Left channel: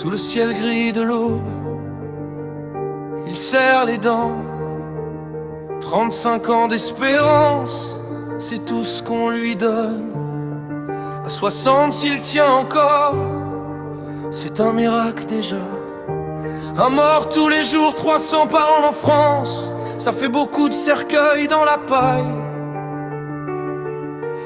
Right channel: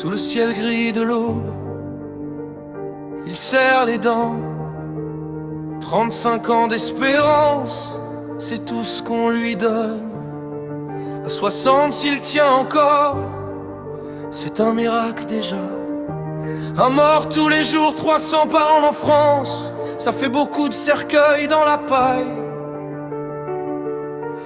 Sous le ciel gris de l'aube, il serre les dents. 35 ans d'espérance, c'est tout ce qu'on lui donne. À 60 s'il tient encore, c'est un miracle déjà. Un mort tous les jours, 300 par an en France, ça fait beaucoup de cercueils dans la paille.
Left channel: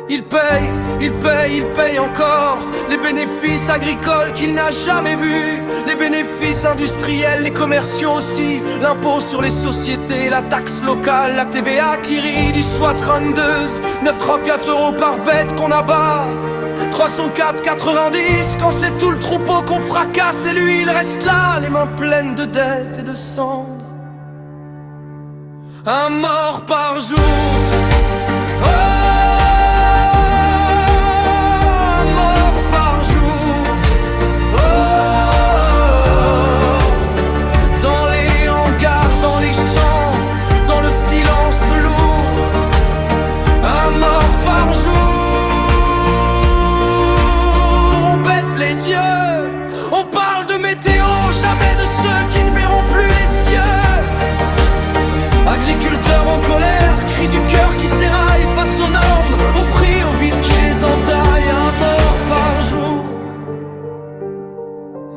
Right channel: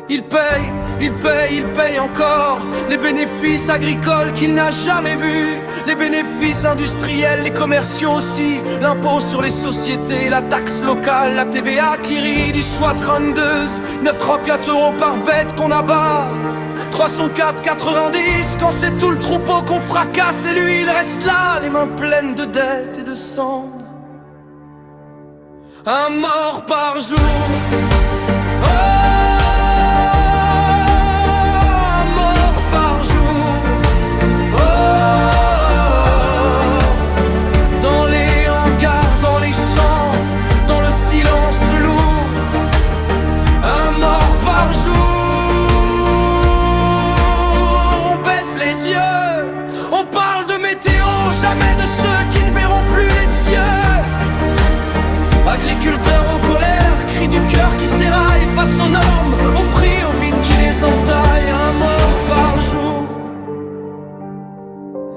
Il paye encore les bénéfices agricoles qu'il n'a jamais vus, les bénéfices industriels, les commerciaux aussi, l'impôt sur les sociétés, la taxe locale, la TVA qui rit du SWAT 32, 9,34 € par bête qu'on abat, 304,90 quand c'est tout le troupeau qu'on fracasse et lui il reste là, les mains pleines de dettes et de cendres. Un mort par jour. Oh, silence lourd, un mort par jour. On baisse les yeux, on parle de météo, jamais de ceux qui ne verront plus les cieux. Agriculteurs en colère, cris du cœur qui s'éraille face aux normes, au prix, au vide qui les entaille. Un mort par jour.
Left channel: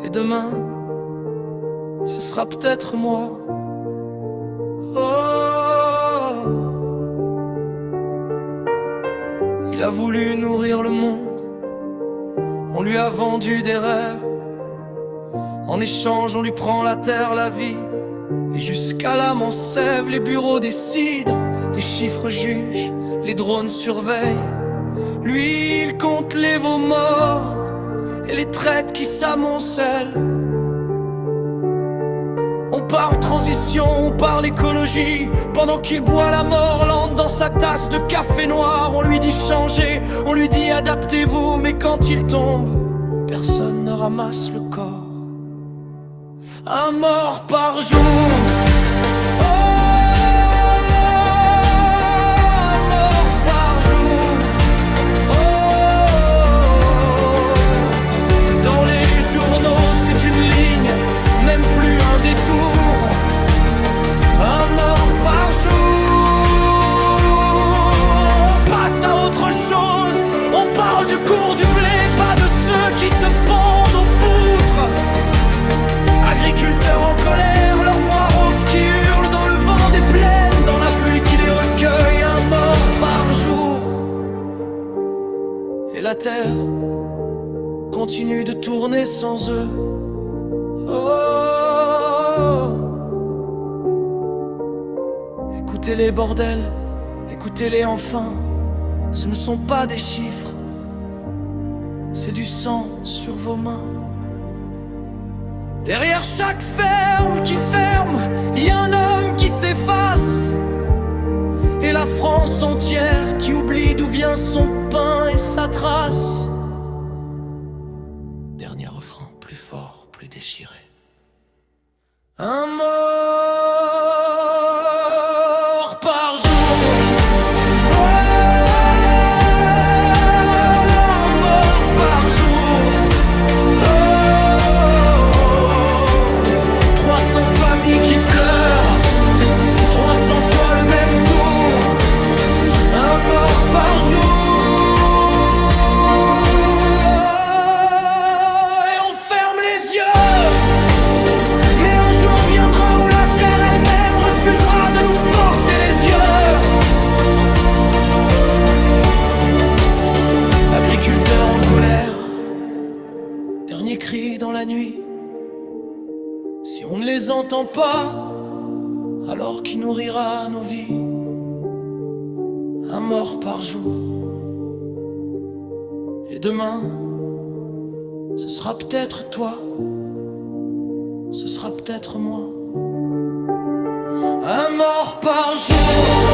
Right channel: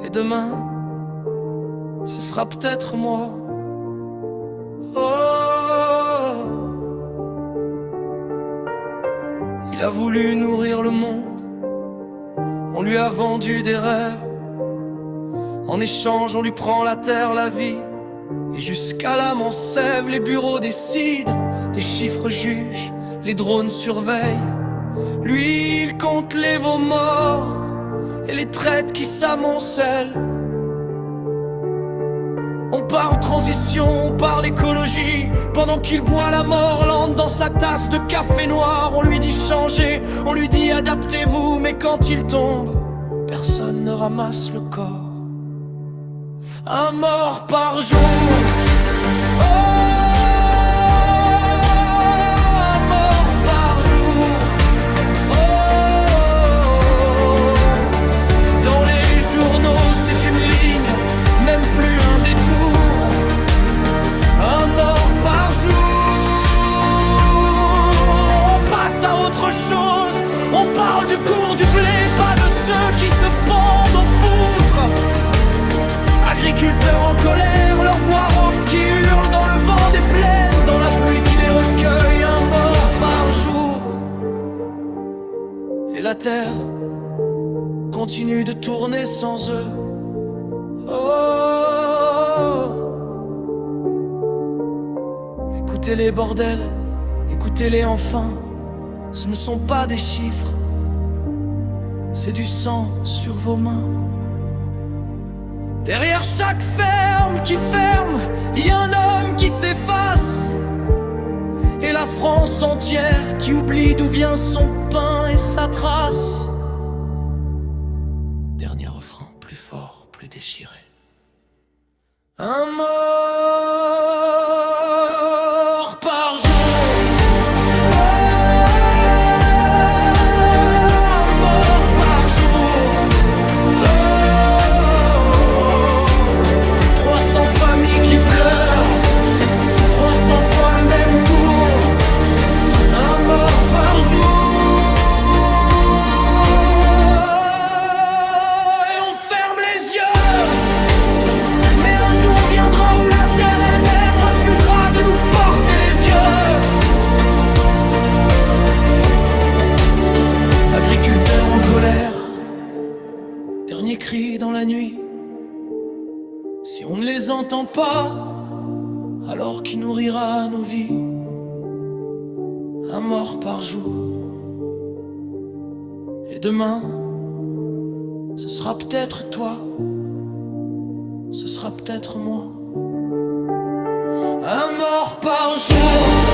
Et demain, ce sera peut-être moi. Oh, il a voulu nourrir le monde, on lui a vendu des rêves. En échange, on lui prend la terre, la vie, et jusqu'à l'âme en sève. Les bureaux décident, les chiffres jugent, les drones surveillent. Lui, il compte les veaux morts et les traites qui s'amoncellent. On parle transition, on parle écologie, pendant qu'il boit la mort lente dans sa tasse de café noir. On lui dit changez, on lui dit adaptez-vous, mais quand il tombe, personne ne ramasse le corps. Un mort par jour. Oh, un mort par jour. Oh, dans les journaux c'est une ligne, même plus un détour. Un mort par jour. On passe à autre chose, on parle du cours du blé, pas de ceux qui se pendent aux poutres. Agriculteurs en colère, leur voix rauque qui hurle dans le vent des plaines, dans la pluie qui les recueille. Un mort par jour. Et la terre continue de tourner sans eux. Oh, écoutez-les bordel, écoutez-les enfin. Ce ne sont pas des chiffres, c'est du sang sur vos mains. Derrière chaque ferme qui ferme, il y a un homme qui s'efface, et la France entière qui oublie d'où vient son pain et sa trace. Dernier refrain, plus fort, plus déchiré. Un mort par jour. Oh, un mort par jour. Oh, 300 familles qui pleurent, 300 fois le même tour. Un mort par jour. Viendra où la terre elle-même refusera de nous porter les yeux. Agriculteurs en colère, dernier cri dans la nuit. Si on ne les entend pas, alors qui nourrira nos vies? Un mort par jour. Et demain, ce sera peut-être toi, ce sera peut-être moi. Un mort par jour.